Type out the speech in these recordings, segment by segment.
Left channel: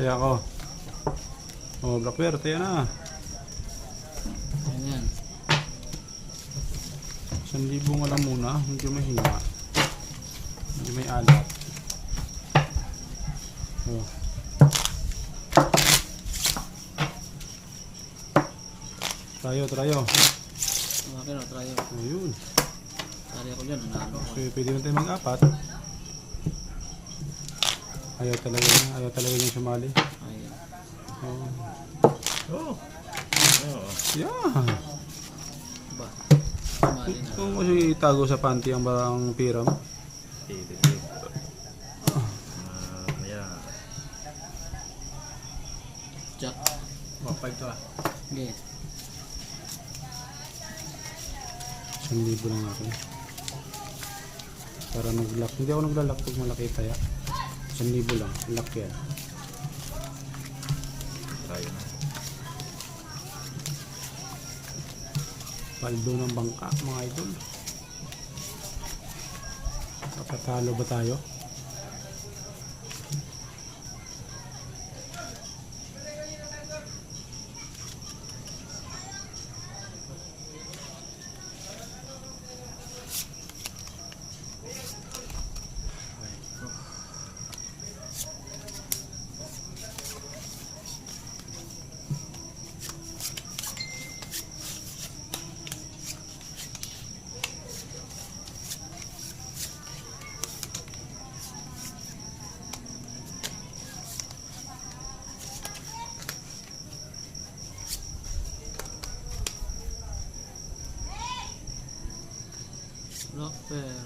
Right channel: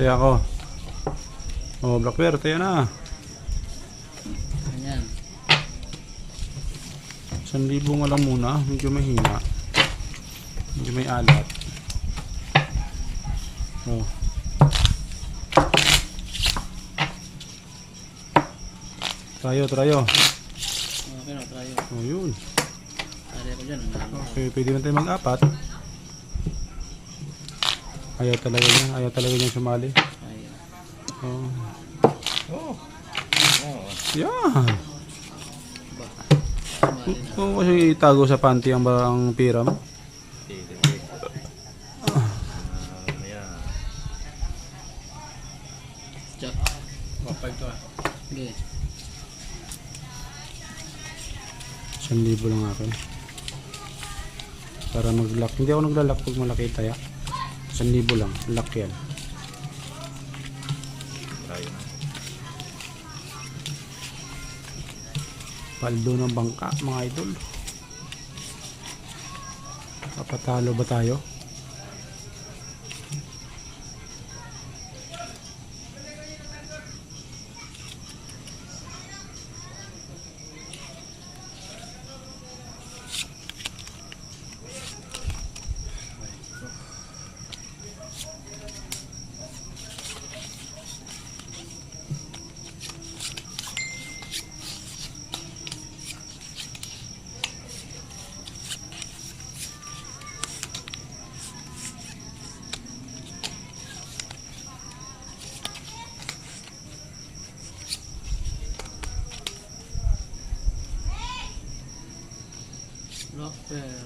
Taya ko. Oh, Black Bear, taya na. Ayan. 1,000 nga lang muna, medyo mahina. Medyo may alat. Oh. Trayo. Okay na, try yun. Oh, yun. Tari ako dyan, nanalo ko. Okay, pwede na tayo mag-apat. Ayaw talaga niya sumali. Ayan. Oh. Oo. Yeah. Ba? Sumali na. Kung kasi itago sa panty ang piram. Sige. Ayan. Jack. Mapag to ah. Okay. 1,000 lang ako. Para nag-lock. Hindi ako naglalak pag malaki tayo. 1,000 lang. Lock yan. Try na. Paldo ng bangka mga idol. Kapatalo ba tayo? Black Bear.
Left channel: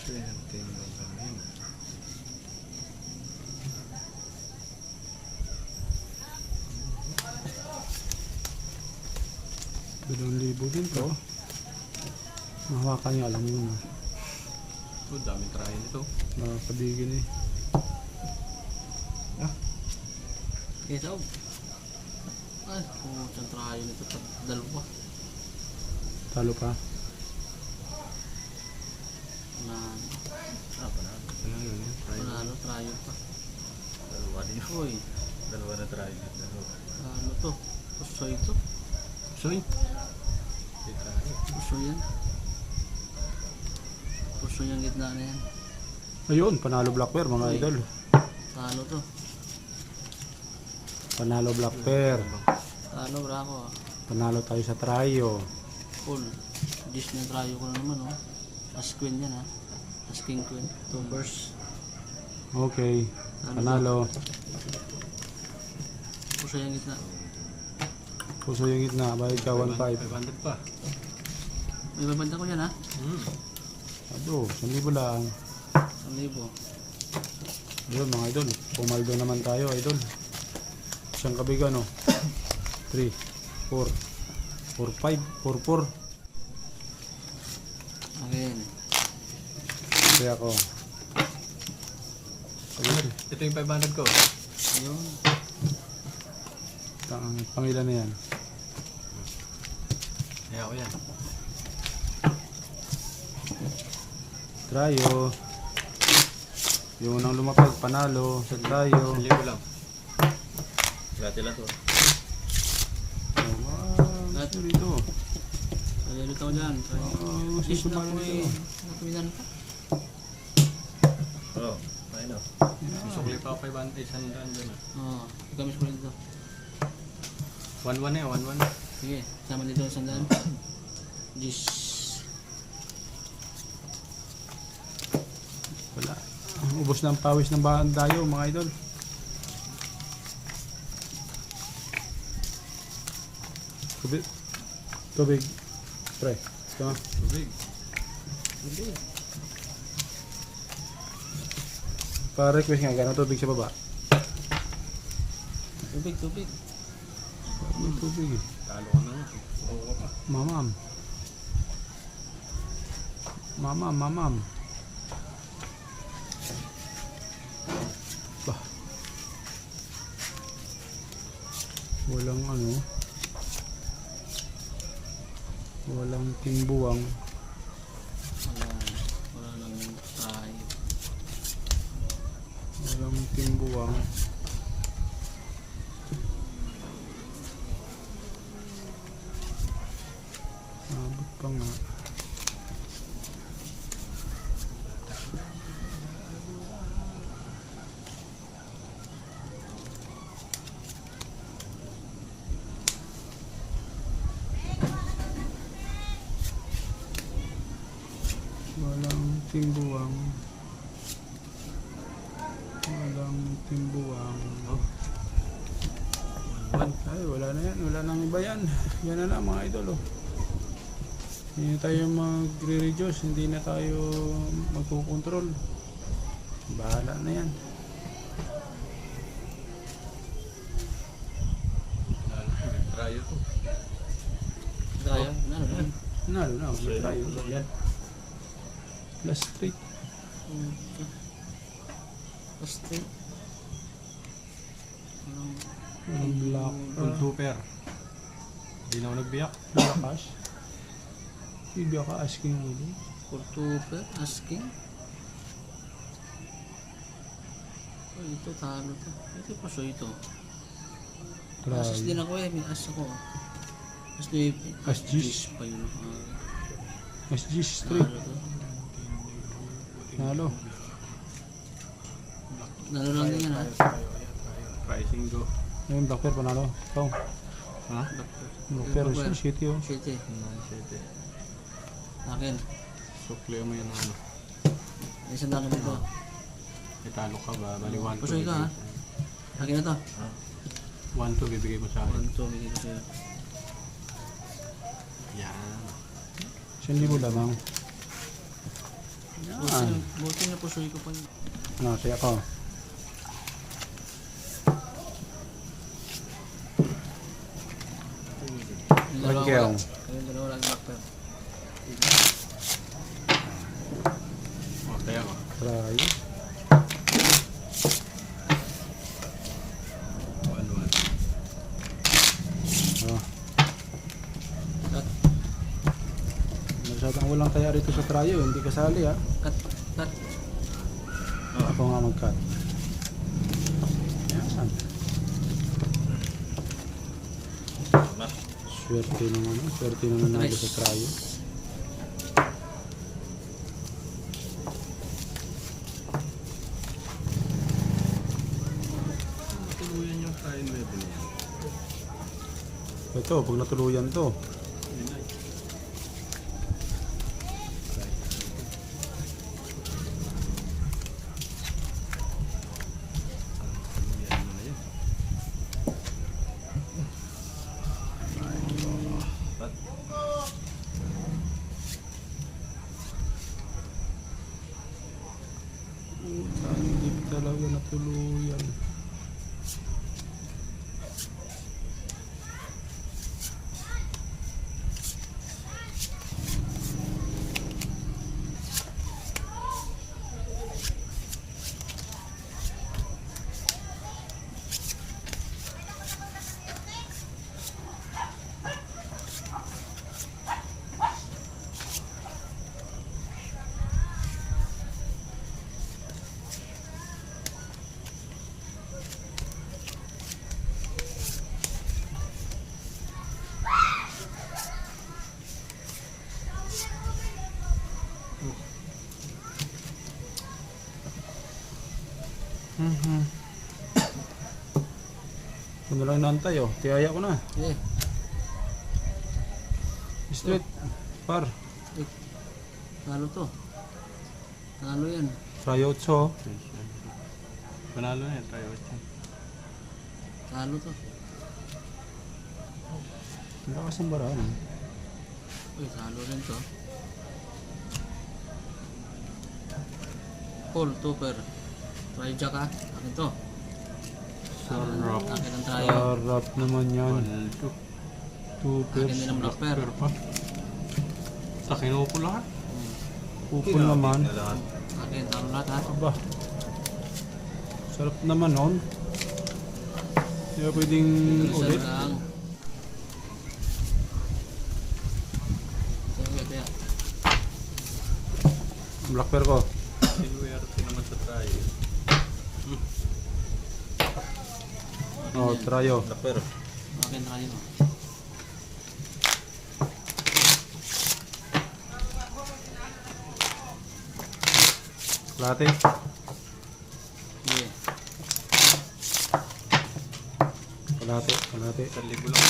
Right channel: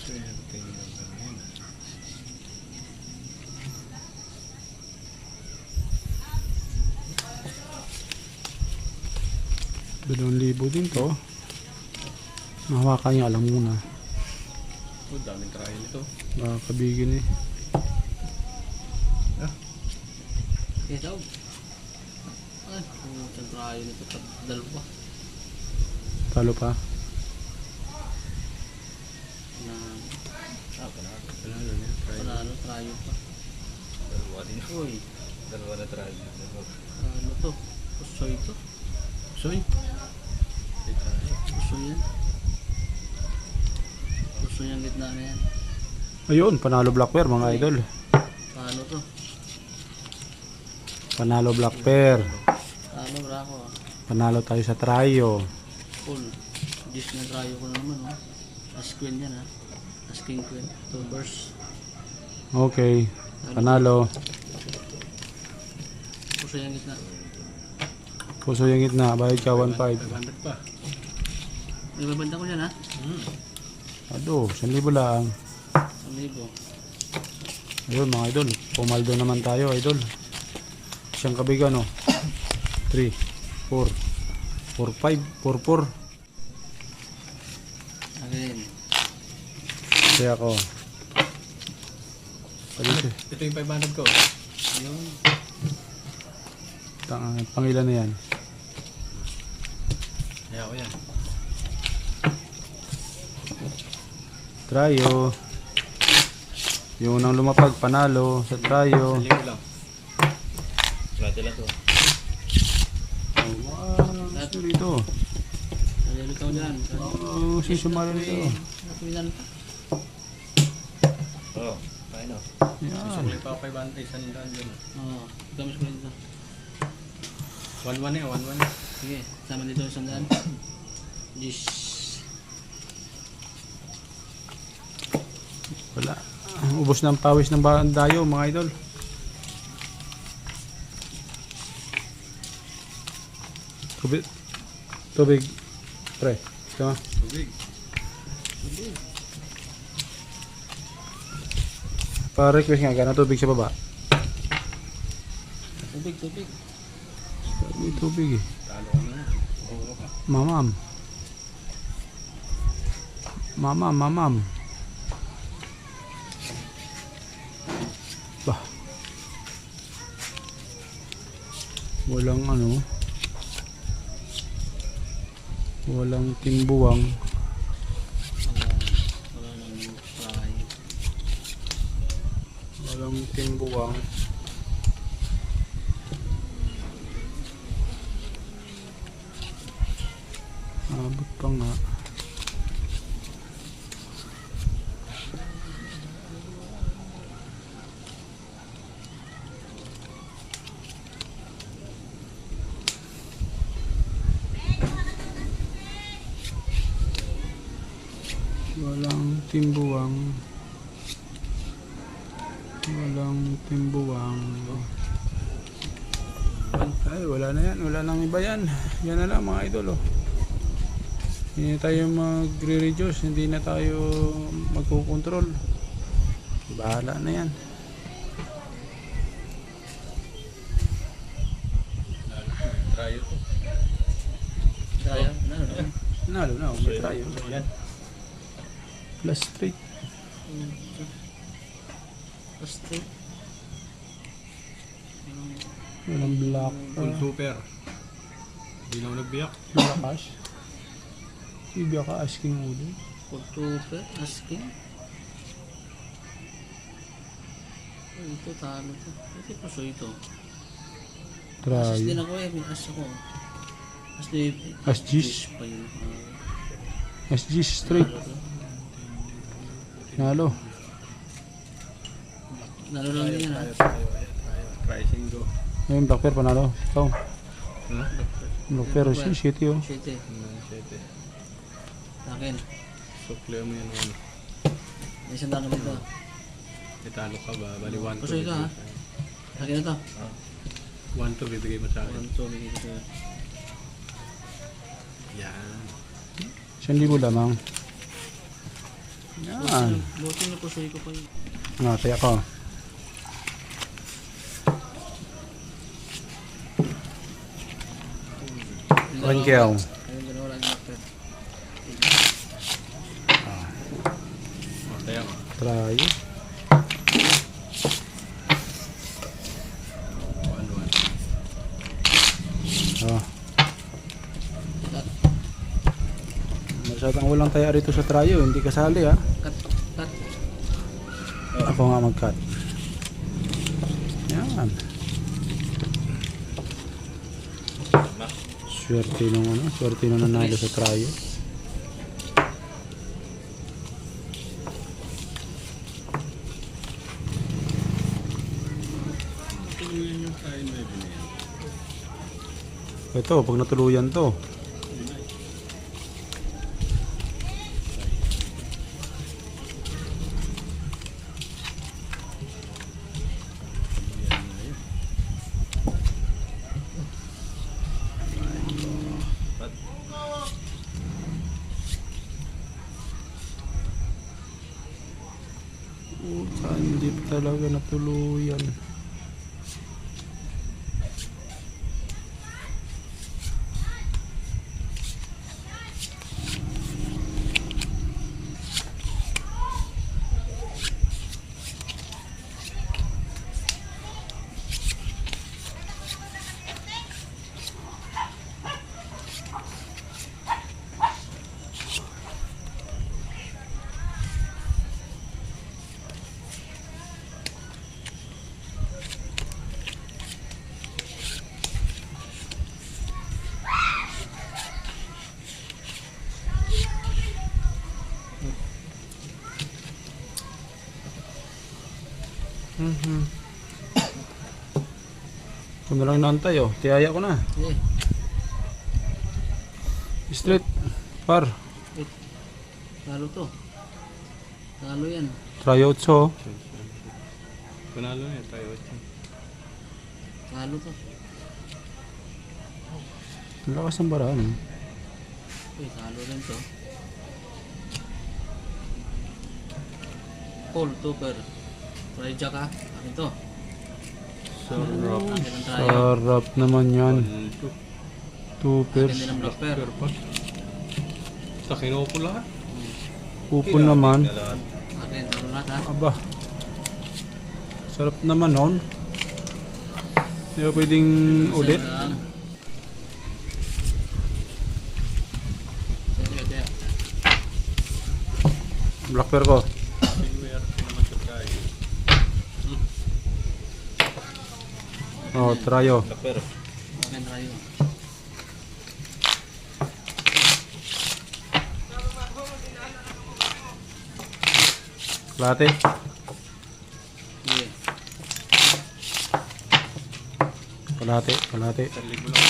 Swerte naman sa akin. 2,000 din to. Mahawakan niya alam muna. Oh, daming try nito. Kabigin eh. Okay, tawag. Ay, isang trayo nito. Dalawa. Talo pa. Na, Panalo niya. Try. panalo, trayo pa. Dalawa din. Uy, Dalawa na try. ano to? Pusoy to. Soy. Di tayo. Pusoy yan. Pusoy ang gitna na yan. Ayun, panalo Black Bear mga idol. Paano to? Panalo Black Bear. Paano, brako ah. Panalo tayo sa trayo. Full. Just na trayo ko na naman oh. As queen yan ha. As king queen. 2 burst. Okay. Panalo. Pusoy ang gitna. Puso yung gitna. Bayad ka 1,500. 500 pa. May babanda ko yan ha. Ado, 1,000 lang. 1,000. Yun mga idol. Pumaldo naman tayo idol. Siyang kabigan no. 3, 4, 4, 5, 4, 4. Again. Kaya ako. Ito yung 500 ko. Ayun. Pangilan na yan. Kaya ko yan. Trayo. Yung unang lumapag, panalo sa trayo. 1,000 lang. Gati lang to. Ito dito. Salilo ka dyan. Susumali nito. Napilan ka. Oo. Ayun o. Sukli pa ako 500. 100 dyan. Oo. Gamis ko dito. 1-1 eh. 1-1. Sige. Sama dito sa sandaan. Jis. Wala. Ubos ng pawis ng dayo mga idol. Tubig. Pre. Ito. Tubig. Pa-request nga gano'n tubig sa baba. Tubig. May tubig eh. Talo ka na. Oo ka. Mamam. Bah. Walang ano. Walang timbuwang. Wala nang try. Walang timbuwang. Abot pa nga. Walang timbuwang. Walang timbuwang. Ay, wala na yan. Wala nang iba yan. Yan na lang mga idol. Oh. Hindi na tayo magre-reduce. Hindi na tayo magkukontrol. Bahala na yan. Tryo to. Try. Ano? Nalo na. May tayo. Yan. Last straight. Basta. Walang black. Full super. Hindi na ako nagbiyak. Malakas. Ibig ka asking mo din. Kultuper, asking. Oh, ito talo to. Ito paso ito. Asas din Try. ako eh. May as ako. As din. As G's. Pa yun. SG straight. Talo to. Nalo. Lalo lang yan ha. Try singo. Ayun, black pair panalo. Ikaw. Ha? Black pair. Shitty oh. Shit eh. 7. Akin. Sukle mo yun ano. Isang lang kami ito. Italo ka ba? Bali 1-2. Pasoy ka, ha? Akin na to. 1-2 bibigay mo sa akin. 1, 2, may ito sa'yo. Yan. 1,000 lamang. Yan. Buti na pasoy ko pa yun. Natay ako. Rangkel. Ayun, dalawa lang yung doctor. O, tayo ko. Try. 1-1. Oh. Masyadong walang taya rito sa tryo. Hindi kasali ha. Cut, cut. Ako nga mag-cut. Yan. Swerte nung ano. Swerte nung nanalo sa tryo. Matuluyan yung tayo 9 na yan. Ito, pag natuluyan to. Yan na yan. Hindi talaga natuluyan. Ito na lang naantay oh. Tiyaya ko na. Eh, Straight. Par. talo to. Talo yan. Try out so. Panalo na yan tayo. Talo to. Ang lakas ng baraan. Uy, talo rin to. Call, tuper. Try jack ha. Akin to. Sarap. Akin ang tayo. Sarap naman yan. 1-2. Two Akin pairs. din ang black pair. Pero pa. Sa kinupo lahat. Upon naman. Akin, talo lahat ha. Aba. Sarap naman nun. Hindi pwedeng ulit. Isa lang. Black pair ko. Swerte naman sa tryo. Oh, tryo. Lapero. Akin trayo. Kalahati. Sige. Kalahati. Kalahati. 1,000 lang.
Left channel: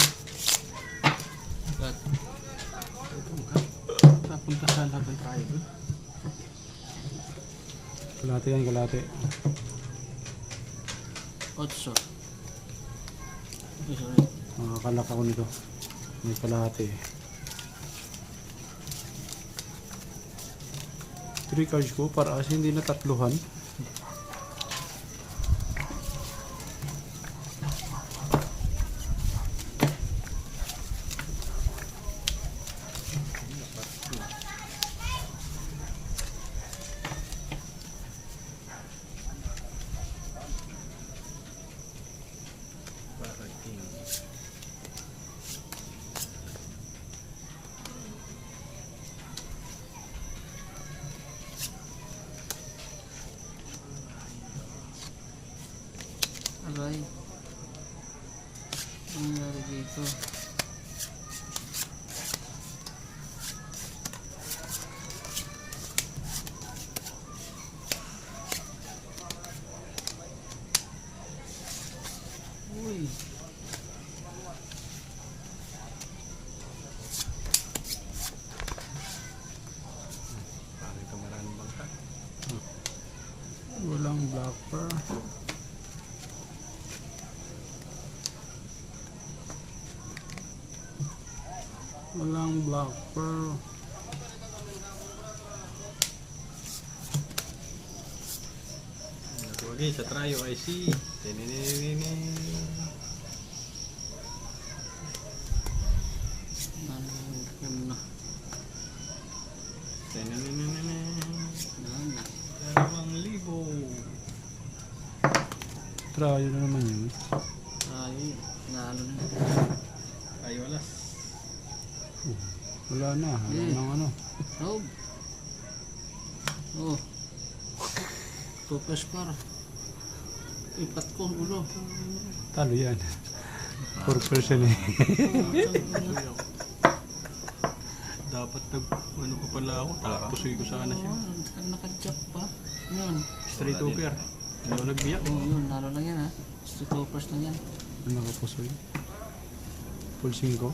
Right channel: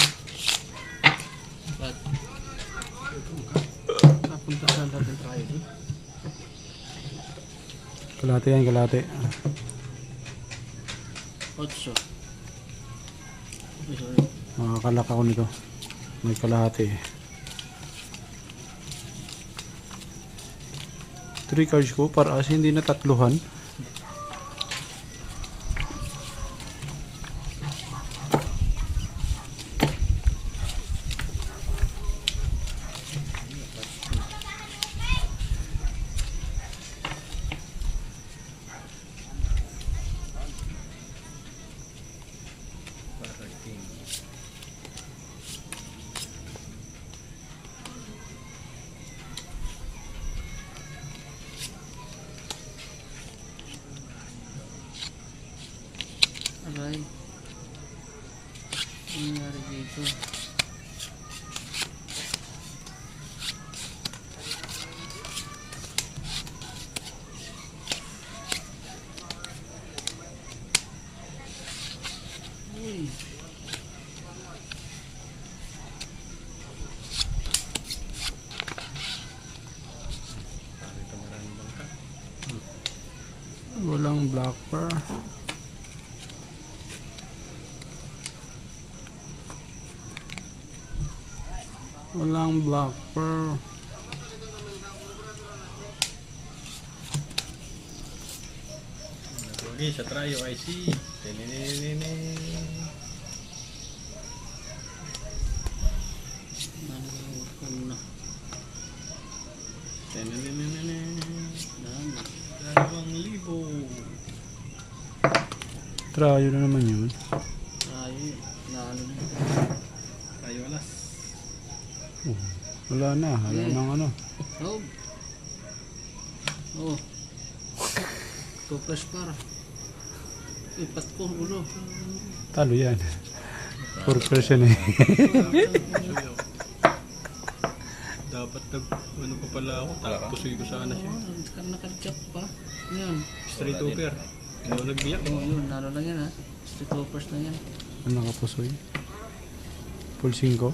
Cut. Napunta saan natin tryo doon? Kalahati yan, kalahati. 8. Sorry. Makakalak ako nito. May kalahati. 3 cards ko para kasi hindi na tatluhan. Para king. Aray. Ano nangyari dito? Uy. Para ito maraming bangka. Walang black pearl. Walang black pearl. Nagugi sa tryo IC. Tinininin. Naluhod na. Tinininin. Daan na. 2,000. Tryo na naman yun. Trayo yun. Naano na yun. Tryo alas. Wala na. Wala Hmm. nang ano. Taob. Oh. Kopestar. Ipat ko ulo. Talo yan. 4% eh. Dapat ano pa pala ako. Tapusoy ko sana siya. Oh, naka-jack pa. Yan. Straight over. Ano nagbiyak? Oh, yun. Nalo lang yan ha. Street hoppers na yan. Ano nakapusoy? Full 5.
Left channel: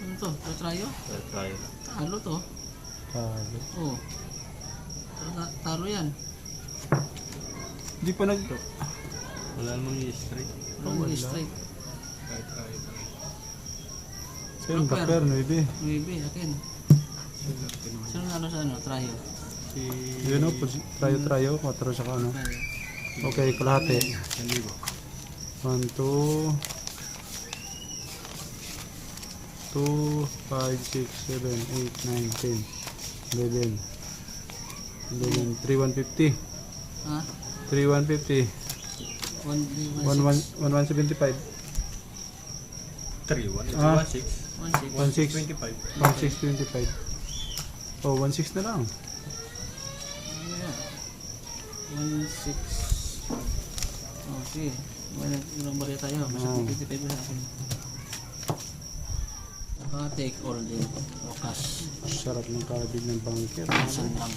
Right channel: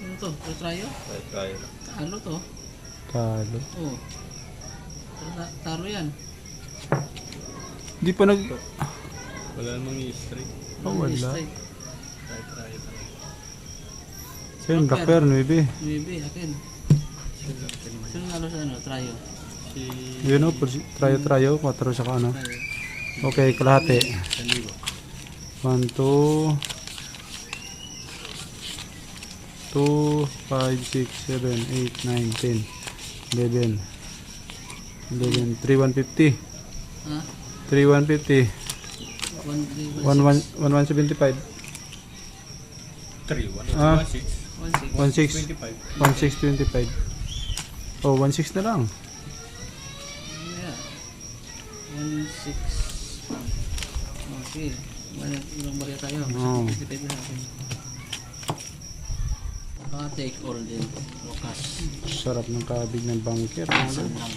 Ano to? Tatrayo? Tryo. Talo to. Talo. Oh. Talo yan. Di pa nag... Wala namang straight. Oh, wala. Straight. Tryo talaga. Sa'yo, black pearl, 9. Maybe, akin. Swerte naman. Sino nalo sa ano? Trayo. Si... Yun o, tryo, 4 sa ano. Trayo. Okay, kalahati. 1,000. 1, 2, 2, 5, 6, 7, 8, 9, 10, 11, 11, 3, 150, Ha? 3, 150, 1, 1, 175, 3, 1, Ah. 1, 6. 1-6. 1, 6, 25. 1, 6, 25. Oh, 1, 6 na lang. Yeah. 1-6. Oh, sige. Ilang bariya tayo. Basta Oo. 55 na akin. Take all din. Wakas. Sarap ng kabig ng bunker. Isang lang.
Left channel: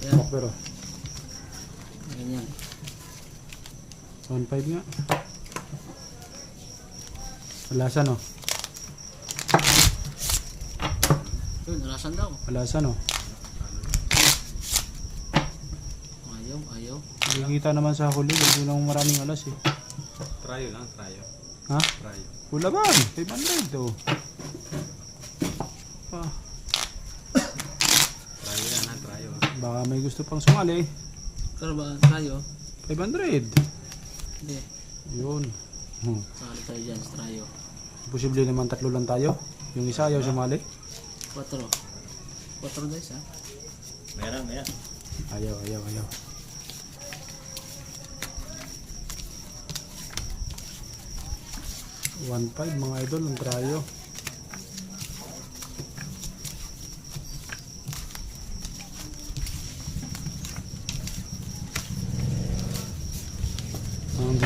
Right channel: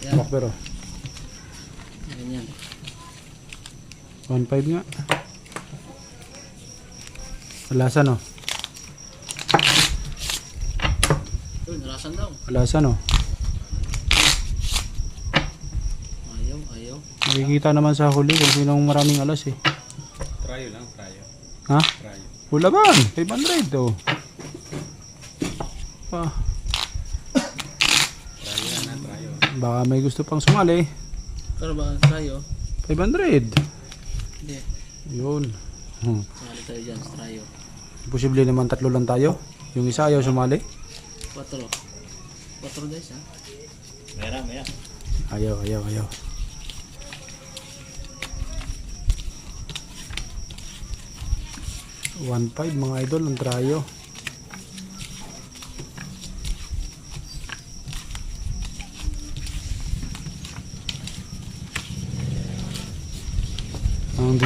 Yan. Black pearl. Ganyan. 1.5 nga. Alasan o. Yun, nalasan daw. Alasan o. Ayaw. Nakikita naman sa huli kung sinong maraming alas eh. Tryo lang, tryo. Ha? Tryo. Wala ba? 500 oh. Ah, Tryo yan ha, tryo. baka may gusto pang sumali. Pero ba tayo? 500. Hindi. Yun. Sumali tayo dyan sa trayo. Posible naman 3 lang tayo. Yung isa ayaw sumali. 4. 4 guys ha. Meron. Ayaw. 1.5 mga idol ang tryo.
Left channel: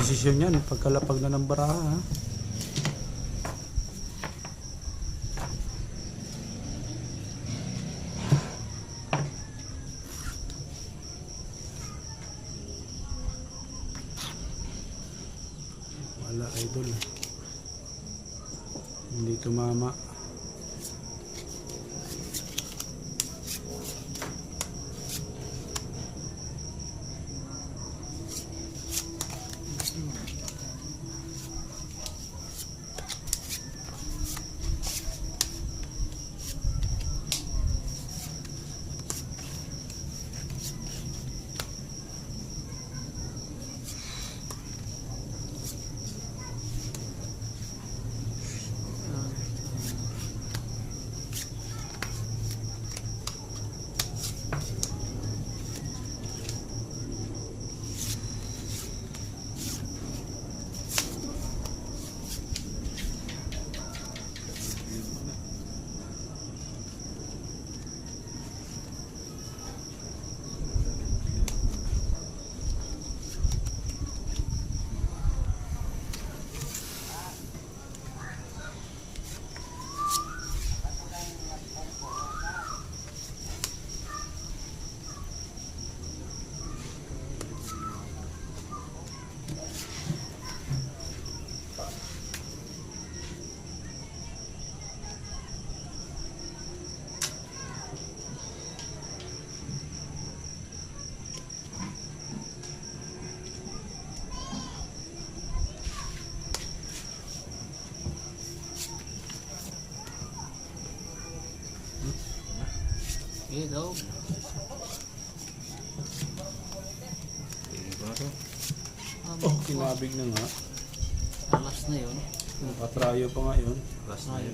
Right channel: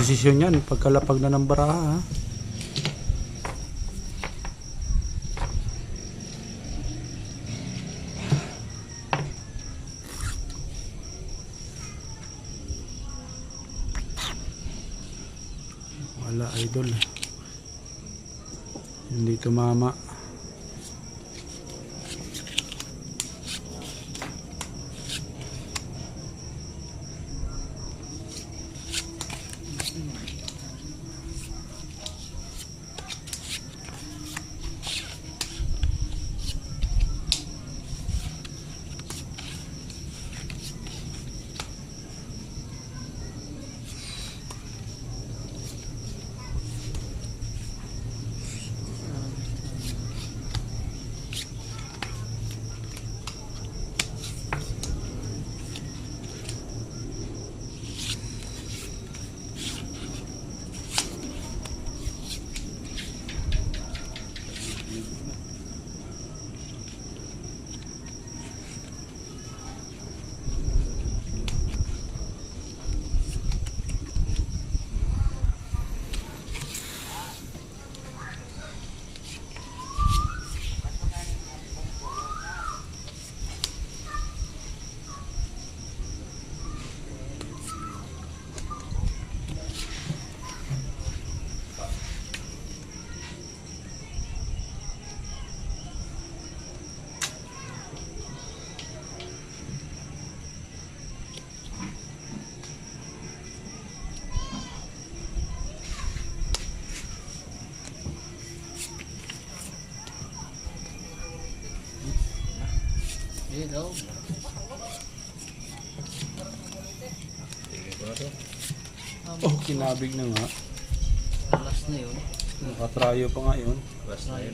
posisyon yan pagkalapag na ng baraha. Ha? Wala idol. Hindi tumama. Hello. Oh, kinabig na nga. Alas na yun. Nakatrayo pa nga yun. Tayo.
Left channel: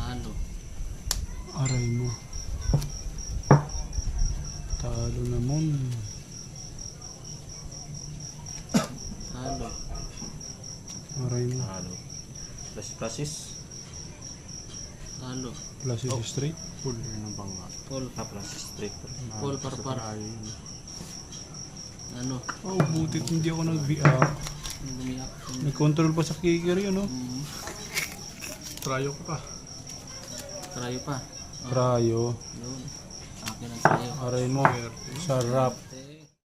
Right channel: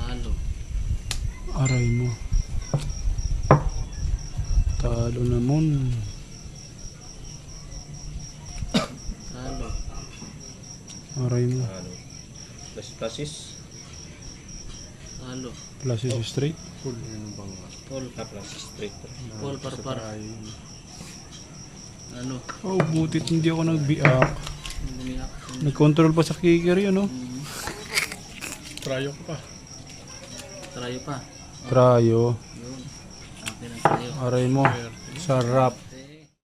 Talo. Aray mo. Talo naman. Talo. Aray mo. Plasis. Talo. Plus is straight. Full yan ang bangga. Paul. Plasis straight. Paul Parpar. Ano? Oh, butit hindi ako nagbiak. Lumiyak. Nag-control pa sa kicker yun, oh. Tryo ko pa. Trayo pa. Trayo. Yun. Akin ang trayo. Aray mo. Sarap. Okay.